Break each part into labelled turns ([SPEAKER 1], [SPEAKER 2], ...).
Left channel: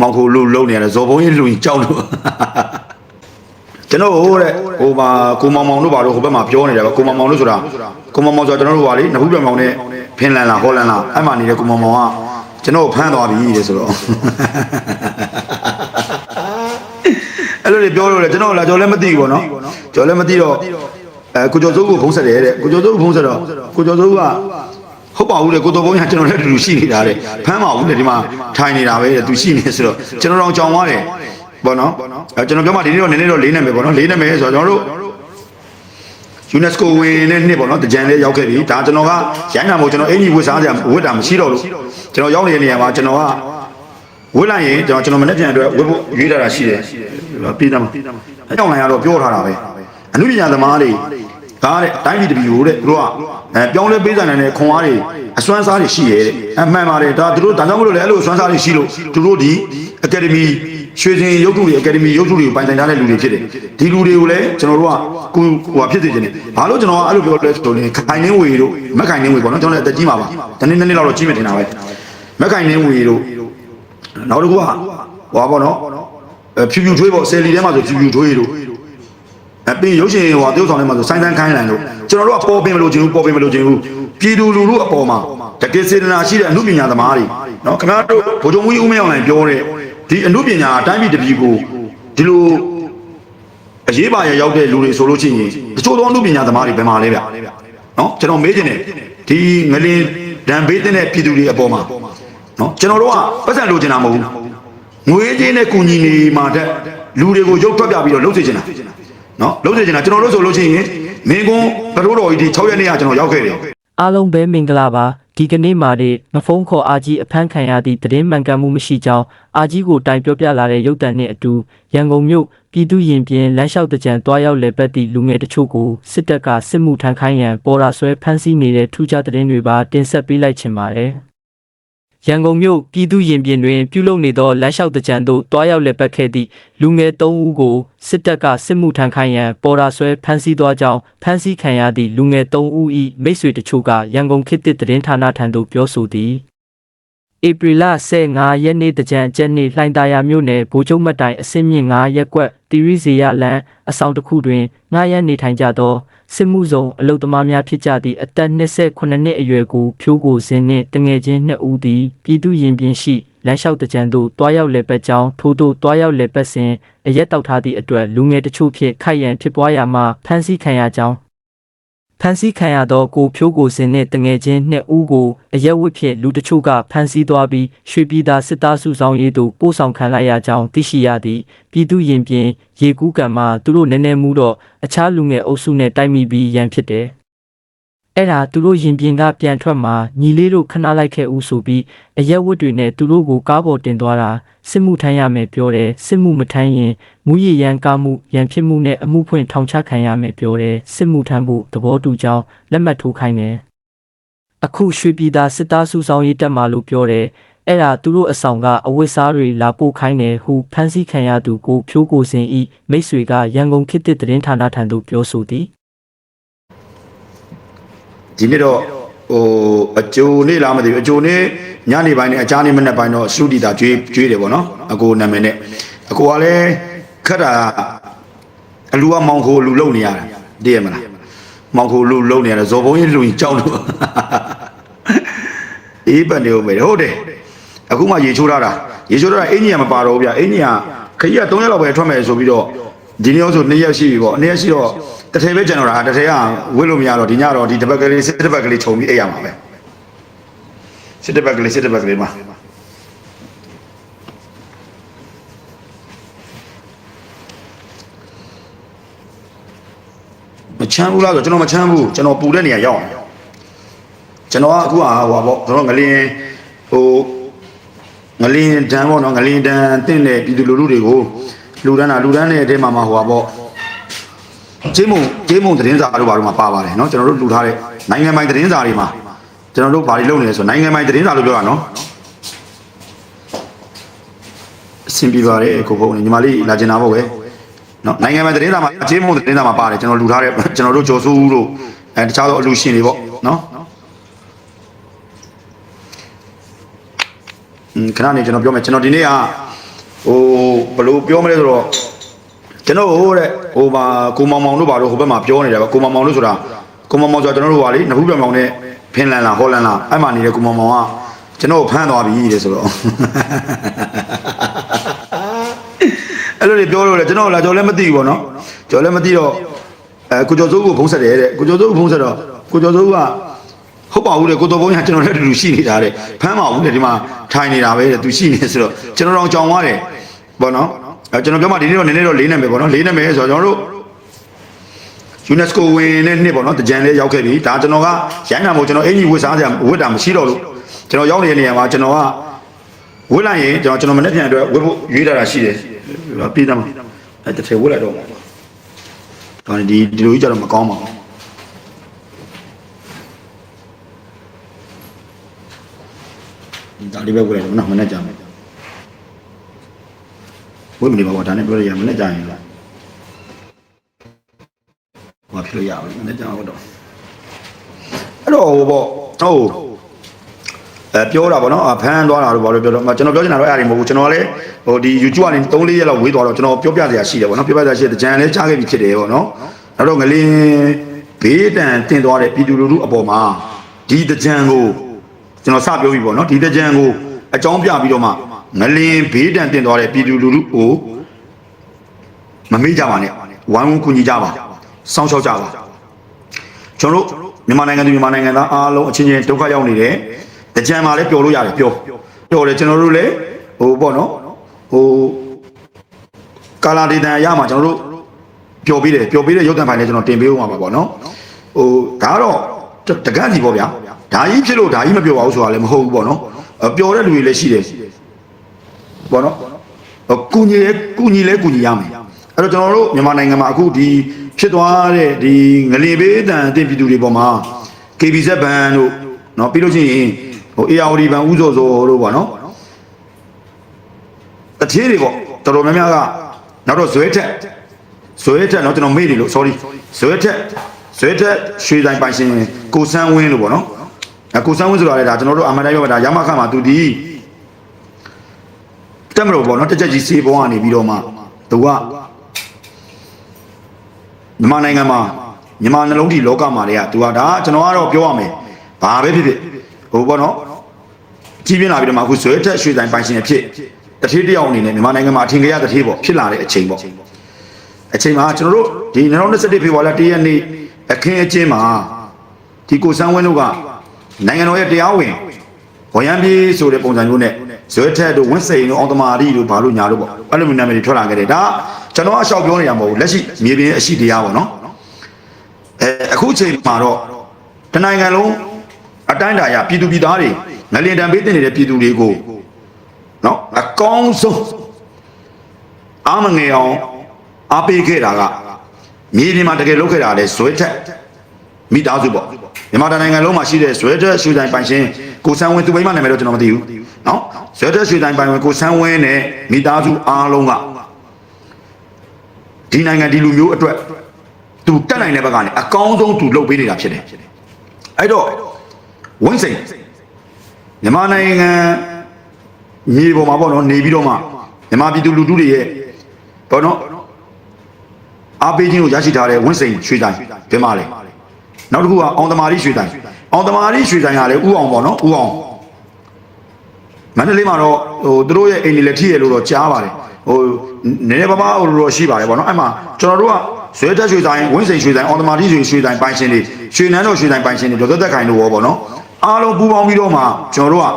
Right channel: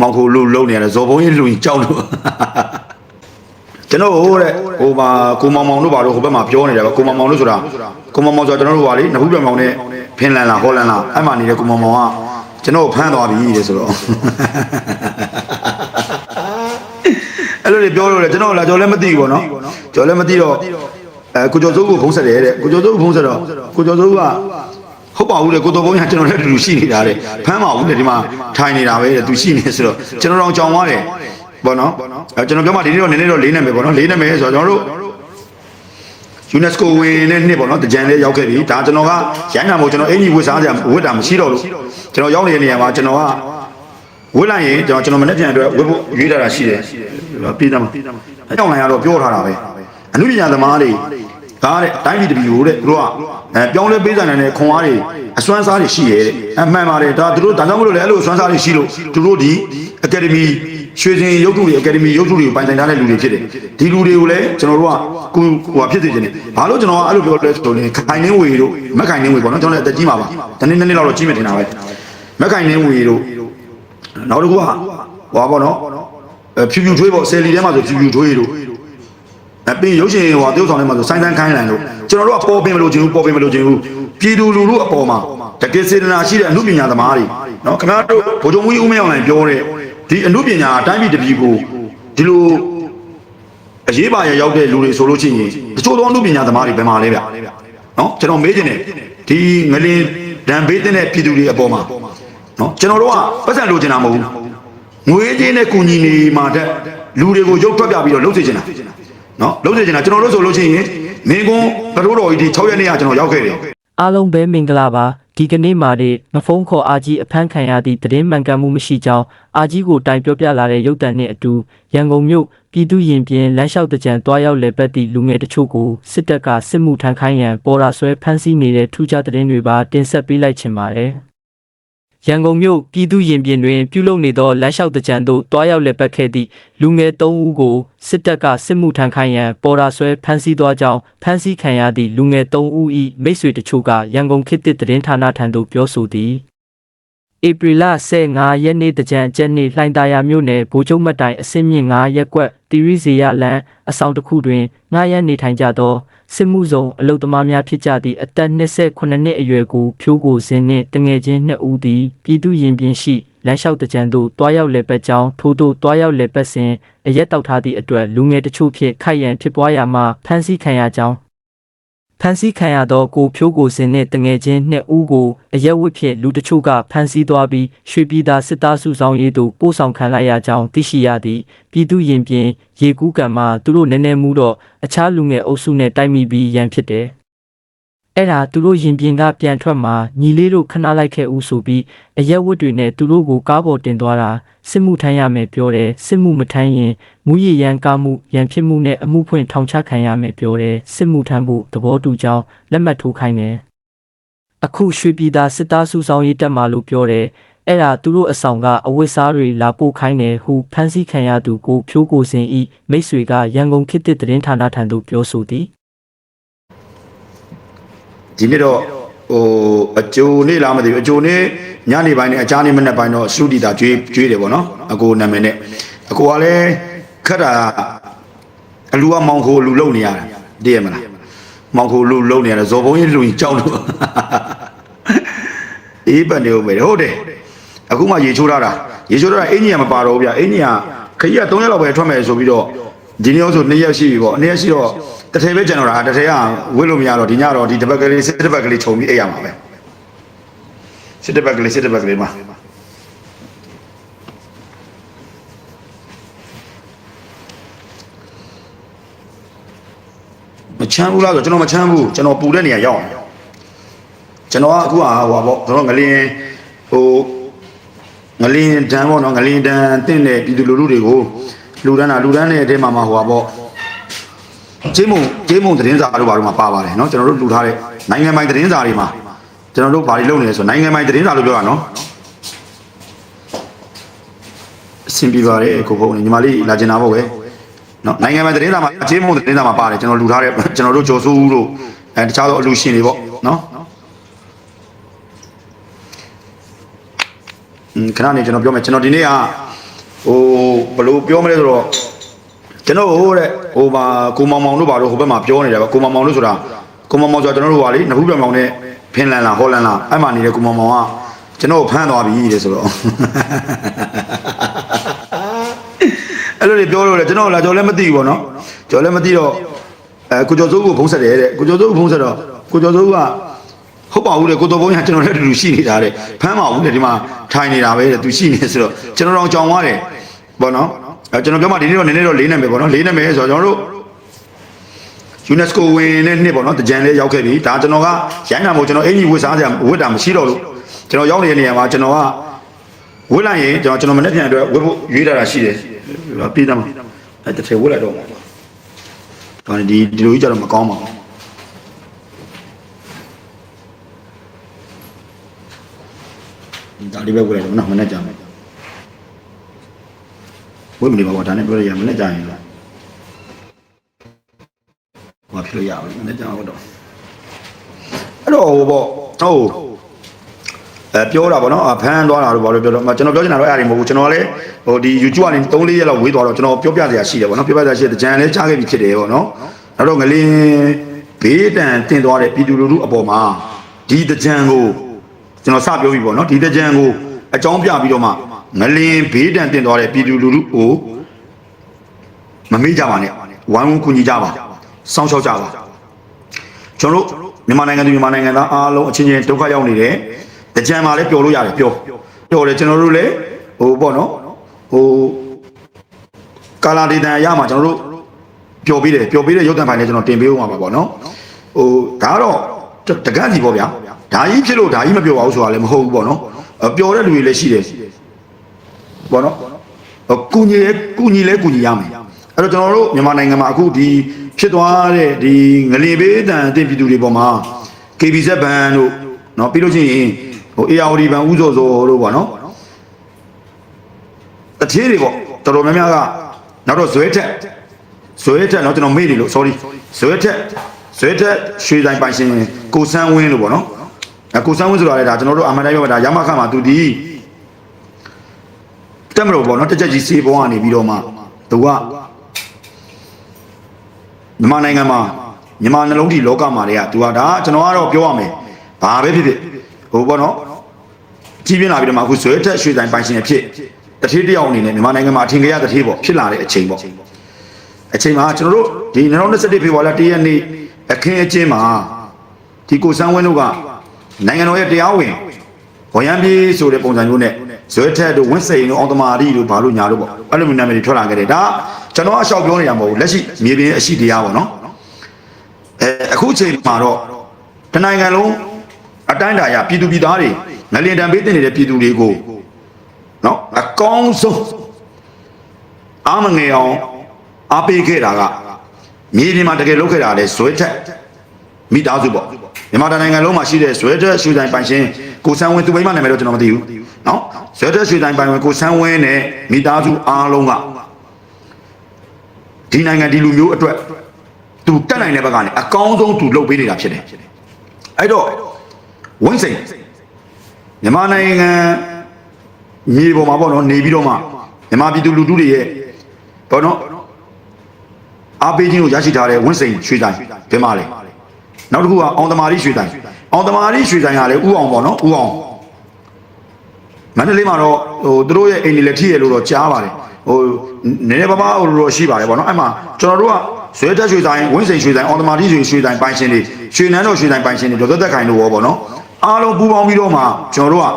[SPEAKER 1] မောင်ခိုလူလုံနေရတယ်ဇော်ဘုံကြီးလူကြီးကြောက်လို့ကျွန်တော်ဟိုတဲ့ဟိုမှာကိုမောင်မောင်တို့ဘာလို့ဟိုဘက်မှာပြောနေတယ်ဗျကိုမောင်မောင်တို့ဆိုတာကိုမောင်မောင်ဆိုတာကျွန်တော်တို့ဟာလေနဘူးပြောင်မောင်နဲ့ဖင်လန်လားဟောလန်လားအဲ့မှာနေတဲ့ကိုမောင်မောင်ကကျွန်တော်ကိုဖမ်းသွားပြီတဲ့ဆိုတော့အဲ့လိုတွေပြောလို့လေကျွန်တော်လာကြော်လည်းမသိဘူးပေါ့နော်ကြော်လည်းမသိတော့အဲကိုကျော်စိုးကိုဖုံးဆက်တယ်တဲ့ကိုကျော်စိုးကိုဖုံးဆက်တော့ကိုကျော်စိုးက ဟုတ်ပါဘူးလေကိုတော်ဘုံကကျွန်တော်လည်းအတူတူရှိနေတာတဲ့ဖမ်းပါဘူးလေဒီမှာထိုင်နေတာပဲတဲ့သူရှိနေဆိုတော့ကျွန်တော်တော့ကြောင်သွားတယ်ပေါ့နော်အဲကျွန်တော်ပြောမှဒီနေ့တော့နည်းနည်းတော့လေးနာမည်ပေါ့နော်လေးနာမည်ဆိုတော့ကျွန်တော်တို့ UNESCO ဝင်တဲ့နှစ်ပေါ့နော်တကြံလေးရောက်ခဲ့ပြီဒါကျွန်တော်ကရိုင်းတာမဟုတ်ကျွန်တော်အင်ကြီးဝတ်စားကြဝတ်တာမရှိတော့လို့ကျွန်တော်ရောက်နေတဲ့နေရာမှာကျွန်တော်ကဝတ်လိုက်ရင်ကျွန်တော်ကျွန်တော်မနေ့ပြန်အတွက်ဝတ်ဖို့ရွေးလာတာရှိတယ်ပြည်သားမှာအကြောင်းလိုက်ရတော့ပြောထားတာပဲအနုပညာသမားတွေ ဒါတဲ့အတိုင်းပြည်တပြည်ကိုတဲ့သူတို့ကအဲပြောင်းလဲပေးဆိုင်နိုင်တဲ့ခွန်အားတွေအစွမ်းစားတွေရှိရဲ့တဲ့အမှန်ပါတယ်ဒါသူတို့ဒါကြောင့်မလို့လေအဲ့လိုအစွမ်းစားတွေရှိလို့သူတို့ဒီအကယ်ဒမီရွှေစင်ရုပ်ထုတွေအကယ်ဒမီရုပ်ထုတွေကိုပိုင်ဆိုင်ထားတဲ့လူတွေဖြစ်တယ်ဒီလူတွေကိုလည်းကျွန်တော်တို့ကကိုဟိုဖြစ်စေချင်တယ်ဘာလို့ကျွန်တော်ကအဲ့လိုပြောလဲဆိုရင်ခိုင်နှင်းဝေတို့မက်ခိုင်နှင်းဝေပေါ့နော်ကျွန်တော်လည်းအသက်ကြီးပါပါတနေ့နေ့လောက်တော့ကြီးမတင်တာပဲမက်ခိုင်နှင်းဝေတို့နောက်တစ်ခုကဟောပေါ့နော်အဲဖြူဖြူထွေးပေါ့ဆယ်လီထဲမှာဆိုဖြူဖြူထွေးတို့ အပြင်ရုပ်ရှင်ဟိုတရုတ်ဆောင်ထဲမှာဆိုစိုင်းတန်းခိုင်းလိုက်လို့ကျွန်တော်တို့ကပေါ်ပင်မလို့ခြင်းဘူးပေါ်ပင်မလို့ခြင်းဘူးပြည်သူလူထုအပေါ်မှာတကယ်စေတနာရှိတဲ့အမှုပညာသမားတွေနော်ခင်ဗျားတို့ဗိုလ်ချုပ်မူကြီးဦးမင်းအောင်လှိုင်ပြောတဲ့ဒီအမှုပညာအတိုင်းပြည်တစ်ပြည်ကိုဒီလိုအရေးပါရရောက်တဲ့လူတွေဆိုလို့ရှိရင်တချို့သောအမှုပညာသမားတွေဘယ်မှာလဲဗျနော်ကျွန်တော်မေးချင်တယ်ဒီငလင်ဒံဘေးတဲ့ပြည်သူတွေအပေါ်မှာနော်ကျွန်တော်တို့ကပတ်စံလိုချင်တာမဟုတ်ဘူးငွေကြေးနဲ့ကုညီနေမှာတဲ့လူတွေကိုရုပ်ထွက်ပြပြီးတော့လှုပ်စေချင်တာ နော်လုံးနေကြတာကျွန်တော်တို့ဆိုလို့ရှိရင်မင်းကွန်းတရိုးတော်ကြီးဒီ6ရက်နေ့ကကျွန်တော်ရောက်ခဲ့တယ်
[SPEAKER 2] အားလုံးပဲမင်္ဂလာပါဒီကနေ့မှာဒီငဖုံးခေါ်အာကြီးအဖမ်းခံရသည့်သတင်းမှန်ကန်မှုမရှိကြောင်းအာကြီးကိုတိုင်ပြောပြလာတဲ့ရုပ်တံနှင့်အတူရန်ကုန်မြို့ပြည်သူရင်ပြင်လမ်းလျှောက်တကြံတွားရောက်လေပတ်သည့်လူငယ်တချို့ကိုစစ်တပ်ကစစ်မှုထမ်းခိုင်းရန်ပေါ်ရာဆွဲဖမ်းဆီးနေတဲ့ထူးခြားသတင်းတွေပါတင်ဆက်ပေးလိုက်ချင်ပါတယ် ရန်ကုန်မြို့ပြည်သူရင်ပြင်တွင်ပြုလုပ်နေသောလမ်းလျှောက်တကြံသို့တွားရောက်လေပတ်ခဲ့သည့်လူငယ်၃ဦးကိုစစ်တပ်ကစစ်မှုထမ်းခိုင်းရန်ပေါ်ရာဆွဲဖမ်းဆီးသွားကြောင်းဖမ်းဆီးခံရသည့်လူငယ်၃ဦး၏မိတ်ဆွေတချို့ကရန်ကုန်ခေတ်သစ်သတင်းဌာနထံသို့ပြောဆိုသည်ဧပြီလ15ရက်နေ့တကြံကျက်နေ့လှိုင်သာယာမြို့နယ်ဗိုလ်ချုပ်မတ်တိုင်အစင်းမြင့်9ရက်ကွက်တီရီဇေယလန်အဆောင်တစ်ခုတွင်9ရက်နေထိုင်ကြသော စစ်မှုဆောင်အလုသမားများဖြစ်ကြသည့်အသက်28နှစ်အရွယ်ကိုဖြိုးကိုစင်းနှင့်တငယ်ချင်း2ဦးသည်ပြည်သူရင်ပြင်ရှိလမ်းလျှောက်တကြံသို့တွားရောက်လေပတ်ကြောင်းထို့သို့တွားရောက်လေပတ်စဉ်အရက်တောက်ထားသည့်အတွက်လူငယ်တချို့ဖြင့်ခိုက်ရန်ဖြစ်ပွားရာမှဖမ်းဆီးခံရကြောင်း ဖန်ဆီးခံရသောကိုဖြိုးကိုစင်နှင့်တငယ်ချင်းနှစ်ဦးကိုအရက်ဝတ်ဖြင့်လူတချို့ကဖမ်းဆီးသွားပြီးရွှေပြည်သာစစ်သားစုဆောင်ရေးသို့ပို့ဆောင်ခံလိုက်ရကြောင်းသိရှိရသည်ပြည်သူရင်ပြင်ရေကူးကံမှာသူတို့နည်းနည်းမှုတော့အခြားလူငယ်အုပ်စုနဲ့တိုက်မိပြီးရန်ဖြစ်တယ် အဲ့ဒါသူတို့ရင်ပြင်ကပြန်ထွက်မှာညီလေးတို့ခဏလိုက်ခဲ့ဦးဆိုပြီးအရက်ဝတ်တွေနဲ့သူတို့ကိုကားပေါ်တင်သွားတာစစ်မှုထမ်းရမယ်ပြောတယ်စစ်မှုမထမ်းရင်မူရရန်ကားမှုရန်ဖြစ်မှုနဲ့အမှုဖွင့်ထောင်ချခံရမယ်ပြောတယ်စစ်မှုထမ်းဖို့သဘောတူကြောင်းလက်မှတ်ထိုးခိုင်းတယ်အခုရွှေပြည်သာစစ်သားစုဆောင်ရေးတက်မှာလို့ပြောတယ်အဲ့ဒါသူတို့အဆောင်ကအဝတ်စားတွေလာပို့ခိုင်းတယ်ဟုဖမ်းဆီးခံရသူကိုဖြိုးကိုစင်ဤမိတ်ဆွေကရန်ကုန်ခေတ်သစ်သတင်းဌာနထံသို့ပြောဆိုသည်
[SPEAKER 1] ဒီနေ့တော့ဟိုအကျိုးနေ့လားမသိဘူးအကျိုးနေ့ညနေပိုင်းနဲ့အကြားနေ့မနေ့ပိုင်းတော့စုတီတာကျွေးကျွေးတယ်ပေါ့နော်အကိုနာမည်နဲ့အကိုကလည်းခက်တာအလူကမောင်ခိုလူလုံနေရတယ်တည်ရမလားမောင်ခိုလူလုံနေရတယ်ဇော်ဘုံကြီးလူကြီးကြောက်လို့အေးပတ်နေဦးမယ်ဟုတ်တယ်အခုမှရေချိုးထားတာရေချိုးထားတာအင်ကြီးကမပါတော့ဘူးဗျအင်ကြီးကခကြီးက3ရက်လောက်ပဲထွက်မယ်ဆိုပြီးတော့ ဒီနေ့ဆို2ရက်ရှိပြီပေါ့2ရက်ရှိတော့တစ်ထည်ပဲကျန်တော့တာတစ်ထည်ကဝစ်လို့မရတော့ဒီညတော့ဒီတစ်ပတ်ကလေးစစ်တစ်ပတ်ကလေးခြုံပြီးအိပ်ရမှာပဲစစ်တစ်ပတ်ကလေးစစ်တစ်ပတ်ကလေးမှာဒီချင်းဦးစားကိုကျွန်တော်မချင်းဘူးကျွန်တော်ပူတဲ့နေရာရောက်တယ်ကလေးတန်းကိုကလေးတန်းတင်းတဲ့ဒီလူလူတွေကိုလူ တန်းတာလူတန်းတဲ့အထဲမှာမှဟိုပါပေါ့ဂျေးမုံဂျေးမုံသတင်းစာတို့ဘာတို့မှာပါပါတယ်နော်ကျွန်တော်တို့လူထားတဲ့နိုင်ငံပိုင်သတင်းစာတွေမှာကျွန်တော်တို့ဘာတွေလုပ်နေလဲဆိုနိုင်ငံပိုင်သတင်းစာလို့ပြောတာနော်အဆင်ပြေပါတယ်ကိုဘုံညီမလေးလာကျင်တာပေါ့ပဲနော်နိုင်ငံပိုင်သတင်းစာမှာဂျေးမုံသတင်းစာမှာပါတယ်ကျွန်တော်လူထားတဲ့ကျွန်တော်တို့ကျော်စိုးဦးတို့အဲတခြားသောအလူရှင်တွေပေါ့နော်ခဏနေကျွန်တော်ပြောမယ်ကျွန်တော်ဒီနေ့က ဟိုဘယ်လိုပြောမလဲဆိုတော့ကျွန်တော်ဟိုတဲ့ဟိုမှာကိုမောင်မောင်တို့ဘာလို့ဟိုဘက်မှာပြောနေတာပဲကိုမောင်မောင်တို့ဆိုတာကိုမောင်မောင်ဆိုတာကျွန်တော်တို့ဟာလေနဖူးပြောင်မောင်နဲ့ဖင်လန်လားဟောလန်လားအဲ့မှာနေတဲ့ကိုမောင်မောင်ကကျွန်တော်ကိုဖမ်းသွားပြီတဲ့ဆိုတော့အဲ့လိုတွေပြောလို့လေကျွန်တော်လာကျွန်တော်လည်းမသိဘူးပေါ့နော်ကျွန်တော်လည်းမသိတော့အဲကိုကျော်စိုးကိုဖုံးဆက်တယ်တဲ့ကိုကျော်စိုးကိုဖုံးဆက်တော့ကိုကျော်စိုးက ဟုတ်ပါဘူးလေကိုတော်ဘုံကကျွန်တော်လည်းအတူတူရှိနေတာတဲ့ဖမ်းပါဘူးလေဒီမှာထိုင်နေတာပဲတဲ့သူရှိနေဆိုတော့ကျွန်တော်တော့ကြောင်သွားတယ်ပေါ့နော်အဲကျွန်တော်ပြောမှဒီနေ့တော့နည်းနည်းတော့လေးနေမယ်ပေါ့နော်လေးနေမယ်ဆိုတော့ကျွန်တော်တို့ UNESCO ဝင်တဲ့နှစ်ပေါ့နော်တကြံလေးရောက်ခဲ့ပြီဒါကျွန်တော်ကရိုင်းနာမို့ကျွန်တော်အင်ကြီးဝတ်စားစရာဝတ်တာမရှိတော့လို့ကျွန်တော်ရောက်နေတဲ့နေရာမှာကျွန်တော်ကဝတ်လိုက်ရင်ကျွန်တော်ကျွန်တော်မနေ့ပြန်အတွက်ဝတ်ဖို့ရေးတာရှိတယ်ဟောပြေးတယ်အဲတချီဝတ်လိုက်တော့ဘာဒီဒီလိုကြီးကြတော့မကောင်းပါဘူးဒီတာလေးပဲဝတ်လိုက်တော့မနေ့က ဝတ်မနေပါဘူးဒါနဲ့ပြောရရမနေ့ကရင်လားဟောဖြစ်လို့ရအောင်နည်းကြောင်တော့အဲ့တော့ဟိုပေါ့ဟုတ်အဲပြောတာပေါ့နော်အဖမ်းသွားတာလို့ဘာလို့ပြောတော့ကျွန်တော်ပြောချင်တာတော့အဲ့ဒါမဟုတ်ဘူးကျွန်တော်လည်းဟိုဒီ YouTube ကနေ3 4ရက်လောက်ဝေးသွားတော့ကျွန်တော်ပြောပြစရာရှိတယ်ပေါ့နော်ပြောပြစရာရှိတဲ့ကြံလည်းကြားခဲ့ပြီဖြစ်တယ်ပေါ့နော်နောက်တော့ငလင်းဘေးတန်တင်သွားတဲ့ပြည်သူလူထုအပေါ်မှာဒီတကြံကိုကျွန်တော်စပြောပြီပေါ့နော်ဒီတကြံကိုအကြောင်းပြပြီးတော့မှ ငလင်းဘေးတန်တင်သွားတဲ့ပြည်သူလူထုကိုမမေ့ကြပါနဲ့ဝိုင်းဝန်းကူညီကြပါစောင့်ရှောက်ကြပါကျွန်တော်တို့မြန်မာနိုင်ငံသူမြန်မာနိုင်ငံသားအားလုံးအချင်းချင်းဒုက္ခရောက်နေတယ်ကြံမှာလည်းပျော်လို့ရတယ်ပျော်ပျော်တယ်ကျွန်တော်တို့လည်းကာလာဒေတန်ရမှာကျွန်တော်တို့ပျော်ပြီးတယ်ပျော်ပြီးတဲ့ရုပ်တံဖိုင်လည်းကျွန်တော်တင်ပေးဦးမှာပါပေါ့နော်ဟိုဒါကတော့တကန့်စီပေါ့ဗျာဒါကြီးဖြစ်လို့ဒါကြီးမပျော်ပါဘူးဆိုတာလည်းမဟုတ်ဘူးပေါ့နော်ပျော်တဲ့လူတွေလည်းရှိတယ် ပေါ့နော်ကုညီလဲကုညီလဲကုညီရမယ်အဲ့တော့ကျွန်တော်တို့မြန်မာနိုင်ငံမှာအခုဒီဖြစ်သွားတဲ့ဒီငလင်ဘေးအတန်အသင့်ပြည်သူတွေပေါ်မှာ KBZ ဘန်တို့နော်ပြီးလို့ရှိရင်ဟို ARD ဘန်ဥစောစောတို့ပေါ့နော်တတိတွေပေါ့တော်တော်များများကနောက်တော့ဇွဲထက်ဇွဲထက်နော်ကျွန်တော်မေ့နေလို့ sorry ဇွဲထက်ဇွဲထက်ရွှေတိုင်းပိုင်ရှင်ကိုစန်းဝင်းလို့ပေါ့နော်ကိုစန်းဝင်းဆိုတာလည်းဒါကျွန်တော်တို့အမှန်တရားပဲဒါရမဆာမှာသူဒီ မြန်မာနိုင်ငံမှာမြန်မာနှလုံးဒီလောကမှာတည်းကသူကဒါကျွန်တော်ကတော့ပြောရမယ်ဘာပဲဖြစ်ဖြစ်ဟောပေါ့နော်ကြီးပြင်းလာပြီးတော့မှအခုဇွဲထက်ရွှေတိုင်းပိုင်ရှင်အဖြစ်တတိတယောက်အနေနဲ့မြန်မာနိုင်ငံမှာအထင်ကြီးရတတိပေါ့ဖြစ်လာတဲ့အချိန်ပေါ့အချိန်မှာကျွန်တော်တို့ဒီ2021ဖေဖော်ဝါရီလ1ရက်နေ့အခင်းအကျင်းမှာဒီကိုစန်းဝင်းတို့ကနိုင်ငံတော်ရဲ့တရားဝင် ဝရမ်းပြေးဆိုတဲ့ပုံစံမျိုးနဲ့ဇွဲထက်တို့ဝင်းစိန်တို့အောင်သမာရီတို့ဘာလို့ညာလို့ပေါ့အဲ့လိုမျိုးနာမည်တွေထွက်လာခဲ့တယ်ဒါကျွန်တော်အလျှောက်ပြောနေတာမဟုတ်ဘူးလက်ရှိမြေပြင်အရှိတရားပေါ့နော်အဲအခုချိန်မှာတော့တနိုင်ငံလုံးအတိုင်းအတာရပြည်သူပြည်သားတွေငလင်တံပေးတင်နေတဲ့ပြည်သူတွေကိုနော်အကောင်းဆုံးအာမငယ်အောင်အားပေးခဲ့တာကမြေပြင်မှာတကယ်လုပ်ခဲ့တာလေဇွဲထက် မိသားစုပေါ့မြန်မာနိုင်ငံလုံးမှာရှိတဲ့ဇွဲထက်ရွှေတိုင်းပိုင်ရှင်ကိုဆန်းဝင်းသူမိမနာမည်တော့ကျွန်တော်မသိဘူးနော်ဇွဲထက်ရွှေတိုင်းပိုင်ဝင်ကိုဆန်းဝင်းနဲ့မိသားစုအားလုံးကဒီနိုင်ငံဒီလူမျိုးအတွက်သူတက်နိုင်တဲ့ဘက်ကနေအကောင်းဆုံးသူလုပ်ပေးနေတာဖြစ်တယ်။အဲ့တော့ဝင်းစိန်မြန်မာနိုင်ငံရေပေါ်မှာပေါ့နော်နေပြီးတော့မှမြန်မာပြည်သူလူထုတွေရဲ့ပေါ့နော်အားပေးခြင်းကိုရရှိထားတဲ့ဝင်းစိန်ရွှေတိုင်းဒီမှာလေ နောက်တစ်ခုကအောင်သမာရီရွှေတိုင်းအောင်သမာရီရွှေတိုင်းကလည်းဥအောင်ပေါ့နော်ဥအောင်မန္တလေးမှာတော့ဟိုသူတို့ရဲ့အိမ်နေလက်ထည့်ရလို့တော့ကြားပါတယ်ဟိုနည်းနည်းပါးပါးတော့ရှိပါတယ်ပေါ့နော်အဲ့မှာကျွန်တော်တို့ကဇွဲတက်ရွှေတိုင်းဝင်းစိန်ရွှေတိုင်းအောင်သမာရီရွှေရွှေတိုင်းပိုင်ရှင်တွေရွှေနန်းတော်ရွှေတိုင်းပိုင်ရှင်တွေဒေါ်သက်သက်ခိုင်တို့ရောပေါ့နော်အားလုံးပူးပေါင်းပြီးတော့မှကျွန်တော်တို့က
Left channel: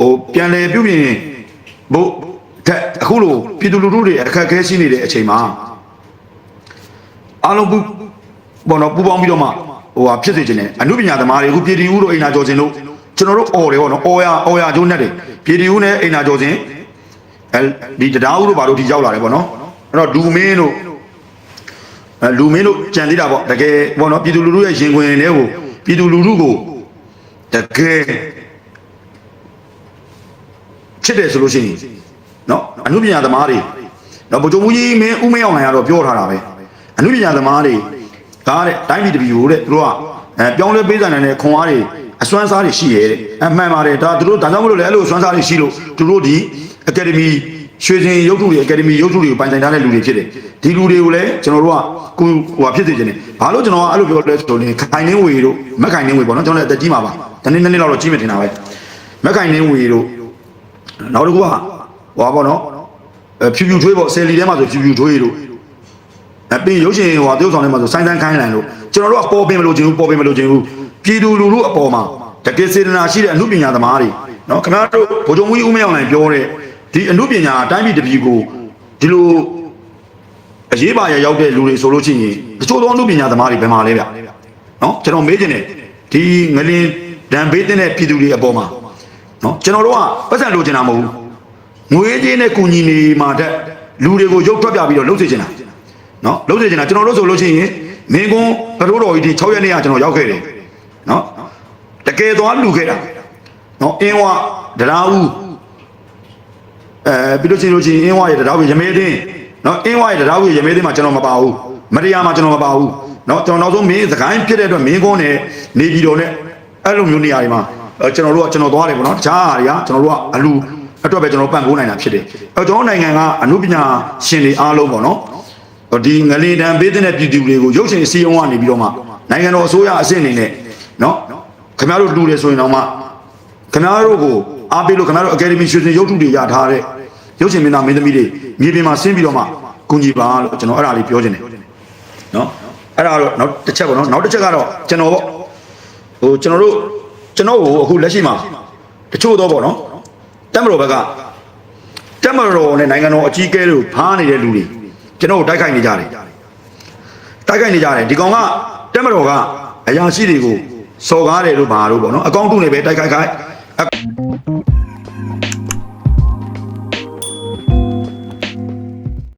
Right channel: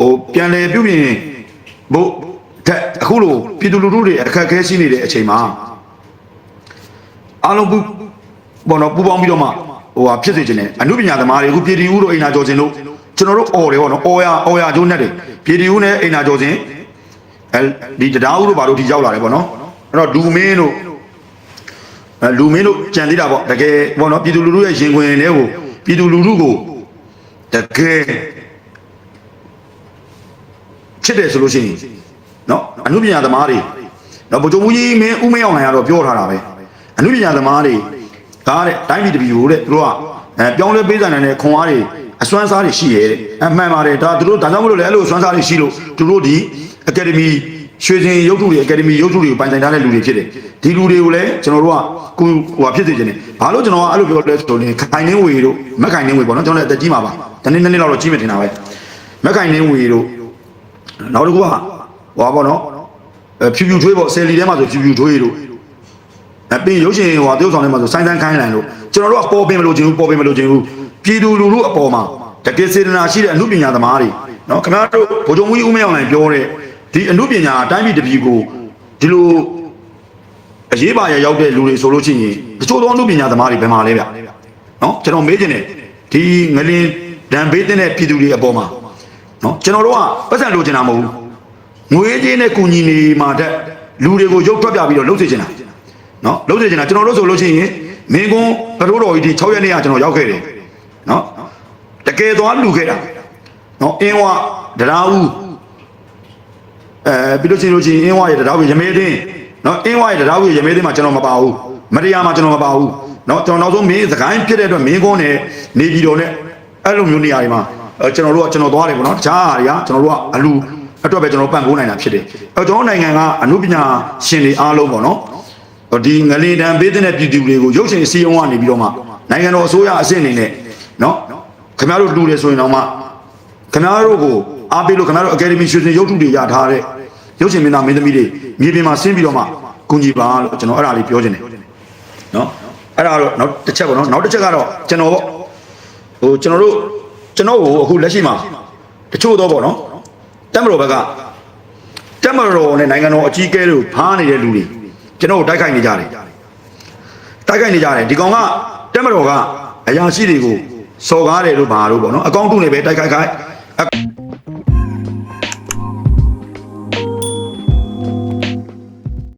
[SPEAKER 1] ဟိုပြန်လေပြုပြင်ဘို့တဲ့အခုလိုပြည်သူလူထုတွေအခက်အခဲရှိနေတဲ့အချိန်မှာအားလုံး ပေါ့နော်ပူပေါင်းပြီးတော့မှဟိုဟာဖြစ်စေခြင်းနဲ့အမှုပညာသမားတွေအခုပြည်တီဦးတို့အိမ်လာကျော်စင်တို့ကျွန်တော်တို့အော်တယ်ပေါ့နော်အော်ရအော်ရကျိုးနဲ့တယ်ပြည်တီဦးနဲ့အိမ်လာကျော်စင်အဲဒီတရားဦးတို့ဘာလို့ဒီရောက်လာတယ်ပေါ့နော်အဲ့တော့လူမင်းတို့လူမင်းတို့ကြံသေးတာပေါ့တကယ်ပေါ့နော်ပြည်သူလူထုရဲ့ရင်ခွင်တွေကိုပြည်သူလူထုကိုတကယ်ချစ်တယ်ဆိုလို့ရှိရင်နော်အမှုပညာသမားတွေတော့ဗိုလ်ချုပ်ကြီးမင်းဦးမင်းအောင်နိုင်ကတော့ပြောထားတာပဲအမှုပညာသမားတွေ ကားတဲ့တိုင်းပြည်တပြည်ကိုတဲ့သူတို့ကအဲပြောင်းလဲပေးဆိုင်တဲ့ခွန်အားတွေအစွမ်းစားတွေရှိရဲ့တဲ့အမှန်ပါတယ်ဒါသူတို့ဒါကြောင့်မလို့လေအဲ့လိုအစွမ်းစားတွေရှိလို့သူတို့ဒီအကယ်ဒမီရွှေစင်ရုပ်ထုတွေအကယ်ဒမီရုပ်ထုတွေကိုပိုင်ဆိုင်ထားတဲ့လူတွေဖြစ်တယ်ဒီလူတွေကိုလည်းကျွန်တော်တို့ကကိုဟိုဟာဖြစ်စေချင်တယ်ဘာလို့ကျွန်တော်ကအဲ့လိုပြောလဲဆိုရင်ခိုင်နှင်းဝေတို့မက်ခိုင်နှင်းဝေပေါ့နော်ကျွန်တော်လည်းအသက်ကြီးမှာပါတနေ့နေ့လောက်တော့ကြီးမတင်တာပဲမက်ခိုင်နှင်းဝေတို့နောက်တစ်ခုကဘာပေါ့နော်ဖြူဖြူထွေးပေါ့ဆယ်လီထဲမှာဆိုဖြူဖြူထွေးလို့ အပြီးရုပ်ရှင်ဟောတိုးဆောင်ထဲမှာဆိုဆိုင်းတန်းကိုင်းလိုက်လို့ကျွန်တော်တို့ကပေါ်ပင်မလို့ခြင်းဘူးပေါ်ပင်မလို့ခြင်းဘူးပြည်သူလူထုအပေါ်မှာတကယ်စေတနာရှိတဲ့အမှုပညာသမားတွေနော်ခင်ဗျားတို့ဗိုလ်ချုပ်မှုကြီးဦးမင်းအောင်နိုင်ပြောတဲ့ဒီအမှုပညာအတိုင်းပြည်တစ်ပြည်ကိုဒီလိုအရေးပါရရောက်တဲ့လူတွေဆိုလို့ရှိရင်တချို့သောအမှုပညာသမားတွေဘယ်မှာလဲဗျနော်ကျွန်တော်မေးချင်တယ်ဒီငလင်ဒံဘေးတဲ့ပြည်သူတွေအပေါ်မှာနော်ကျွန်တော်တို့ကပတ်စံလိုချင်တာမဟုတ်ဘူးငွေကြေးနဲ့ကုညီနေမှာတဲ့လူတွေကိုရုပ်ထွက်ပြပြီးတော့လှုပ်စေချင်တာ နော်လှုပ်စေချင်တာကျွန်တော်တို့ဆိုလို့ရှိရင်မင်းကွန်းဘရိုးတော်ကြီးဒီ6ရက်နေ့ကကျွန်တော်ရောက်ခဲ့တယ်နော်တကယ်သွားလူခဲ့တာနော်အင်းဝဒရာဦးအဲပြီးလို့ရှိလို့ရှိရင်အင်းဝရဲ့ဒရာဦးရမဲသိန်းနော်အင်းဝရဲ့ဒရာဦးရမဲသိန်းမှာကျွန်တော်မပါဘူးမတရားမှာကျွန်တော်မပါဘူးနော်ကျွန်တော်နောက်ဆုံးမင်းစကိုင်းဖြစ်တဲ့အတွက်မင်းကွန်းနဲ့နေပြည်တော်နဲ့အဲ့လိုမျိုးနေရာတွေမှာအဲကျွန်တော်တို့ကကျွန်တော်သွားတယ်ပေါ့နော်တခြားအရာတွေကကျွန်တော်တို့ကအလူအတွက်ပဲကျွန်တော်ပံ့ပိုးနိုင်တာဖြစ်တယ်အဲကျွန်တော်နိုင်ငံကအမှုပညာရှင်တွေအားလုံးပေါ့နော် ဒီငလင်တံပေးတဲ့ပြည်သူတွေကိုရုပ်ရှင်စီယုံကနေပြီးတော့မှနိုင်ငံတော်အစိုးရအဆင့်အနေနဲ့နော်ခင်ဗျားတို့လူတယ်ဆိုရင်တော့မှခင်ဗျားတို့ကိုအားပေးလို့ခင်ဗျားတို့အကယ်ဒမီရွှေစင်ရုပ်ထုတွေရထားတဲ့ရုပ်ရှင်မင်းသားမင်းသမီးတွေမြေပြင်မှာဆင်းပြီးတော့မှကူညီပါလို့ကျွန်တော်အဲ့ဒါလေးပြောချင်တယ်နော်အဲ့ဒါတော့နောက်တစ်ချက်ပေါ့နော်နောက်တစ်ချက်ကတော့ကျွန်တော်ပေါ့ဟိုကျွန်တော်တို့ကျွန်တော်ကိုအခုလက်ရှိမှာတချို့တော့ပေါ့နော်တက်မတော်ဘက်ကတက်မတော်နဲ့နိုင်ငံတော်အကြီးအကဲတို့ဖားနေတဲ့လူတွေ ကျွန်တော်ကိုတိုက်ခိုက်နေကြတယ်တိုက်ခိုက်နေကြတယ်ဒီကောင်ကတက်မတော်ကအရာရှိတွေကိုစော်ကားတယ်လို့ပါလို့ပေါ့နော်အကောင့်တုနဲ့ပဲတိုက်ခိုက်ခိုက်